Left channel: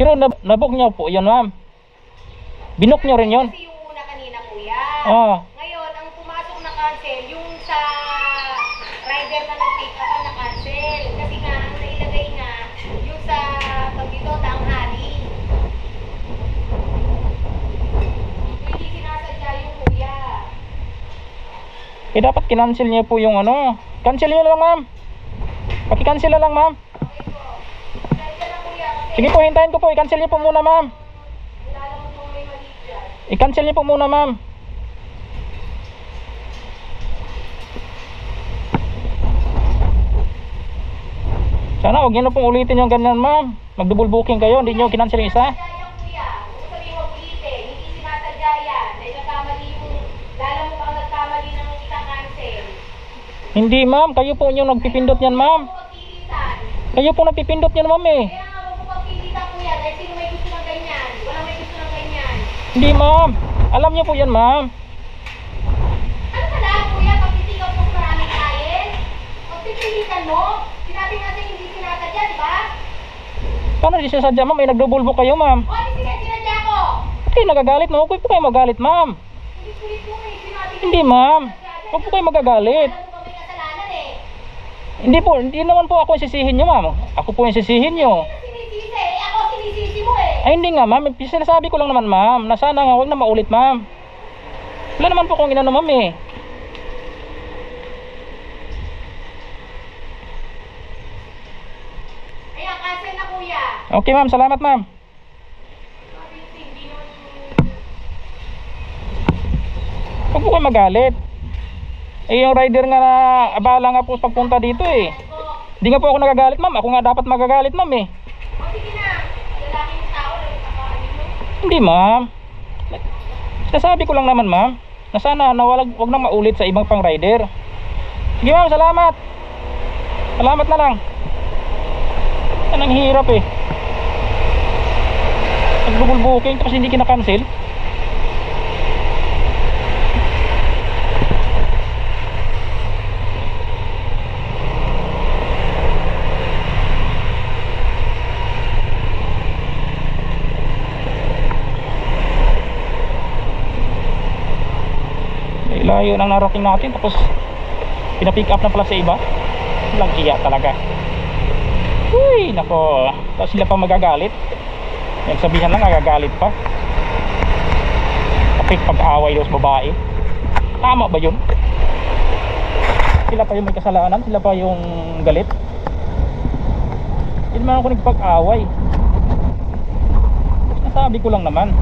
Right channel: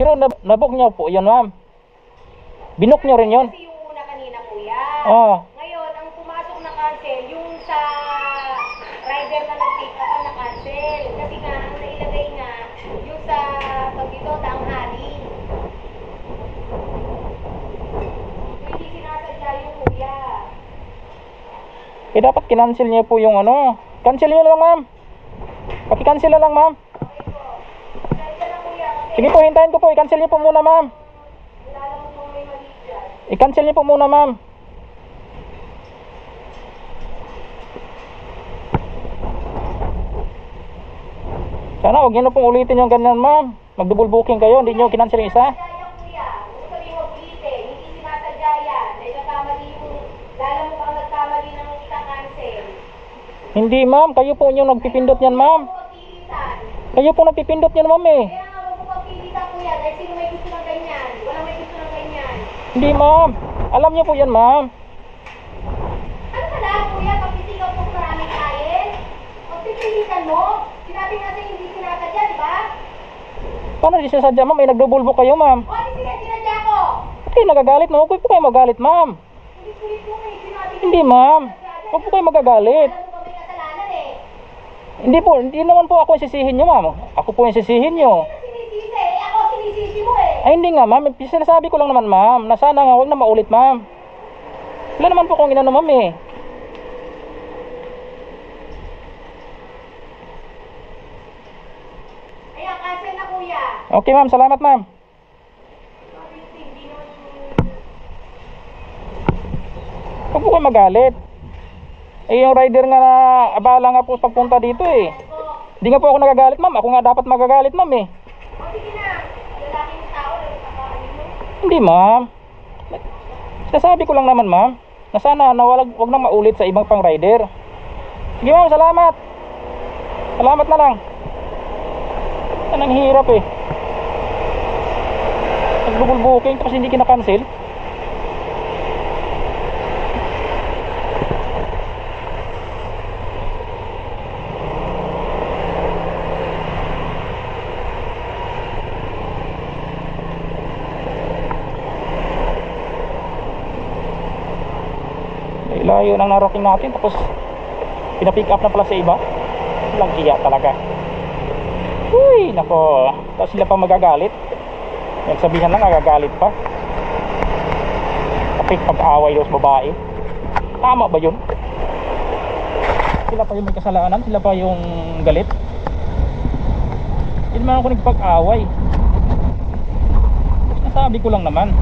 Pero nabook nyo po yun, ma'am. Binook nyo rin yun. Kasi yung una kanina, kuya. Oo. Ngayon, ang pumasok na cancel, yung sa rider na nag-take up na cancel. Kasi nga, ang nailagay nga, yung sa pagdito, tanghali. Hindi sinasadya yung kuya. Eh dapat kinancel niyo po yung ano. Cancel niyo lang, ma'am. Paki-cancel na lang, ma'am. Okay po. Cancel na kuya. Kasi Sige po, hintayin ko po. I-cancel niyo po muna, ma'am. kilala mo kung may mali dyan. I-cancel niyo po muna, ma'am. Sana huwag niyo na pong ulitin yung ganyan, ma'am. Mag-double booking kayo, hindi niyo kinancel yung isa. Sinasadya yan, kuya. Huwag sabihin mo ulitin. Hindi sinasadya yan. Dahil nagkamali yung, lalo mo bang nagkamali ng ika-cancel. Hindi, ma'am. Kayo po yung nagpipindot yan, ma'am. Huwag mo pagpilitan. Kayo po nagpipindot yan, ma'am eh. Kaya nga, huwag mo pagpilitan, kuya. Dahil sino may gusto ng ganyan? Walang may gusto ng ganyan. Hindi, ma'am. Alam niyo po yan, ma'am. Ano ka lang, kuya? Pagpitigaw mo sa maraming client? Pagpipilitan mo? Sinabi nga sa'yo hindi sinasadya, di ba? Paano di sinasadya, ma'am? May nag-double book kayo, ma'am. O, hindi sinadya ko! Ba't kayo nagagalit, ma'am? Huwag po kayo magalit, ma'am. Kulit-kulit mo eh. Sinabi nga Hindi, ma'am. Huwag po kayo magagalit. alam mo ba may kasalanan eh. Hindi po, hindi naman po ako yung sisihin nyo, ma'am. Ako po yung sisihin nyo. Sinisisi eh. Ako sinisisi mo eh. Ay, hindi nga, ma'am. Sinasabi ko lang naman, ma'am. Na sana nga, huwag na maulit, ma'am. Wala naman po kung inano, ma'am eh. Kaya cancel na, kuya. Okay, ma'am. Salamat, ma'am. Hindi naman Huwag po kayo magalit. Eh, yung rider nga na abala nga po sa pagpunta dito eh. Hindi nga po ako nagagalit, ma'am. Ako nga dapat magagalit, ma'am eh. O, sige na. Lalaking tao lang nakaano mo. Hindi, ma'am. Sinasabi ko lang naman, ma'am. Na sana wag nang maulit sa ibang pang rider. Sige, ma'am. Salamat. Salamat na lang. Yan ang hirap eh. Nag-double booking tapos hindi kinakancel. Layo nang narating natin tapos pinapick up na pala sa iba. Walang hiya talaga. Uy, nako. Tapos sila pa magagalit. Nagsabihan lang, agagalit pa. Kapit pag-away daw sa babae. Tama ba yun? Sila pa yung may kasalanan, sila pa yung galit. Hindi naman ako nagpag-away. Nasabi ko lang naman.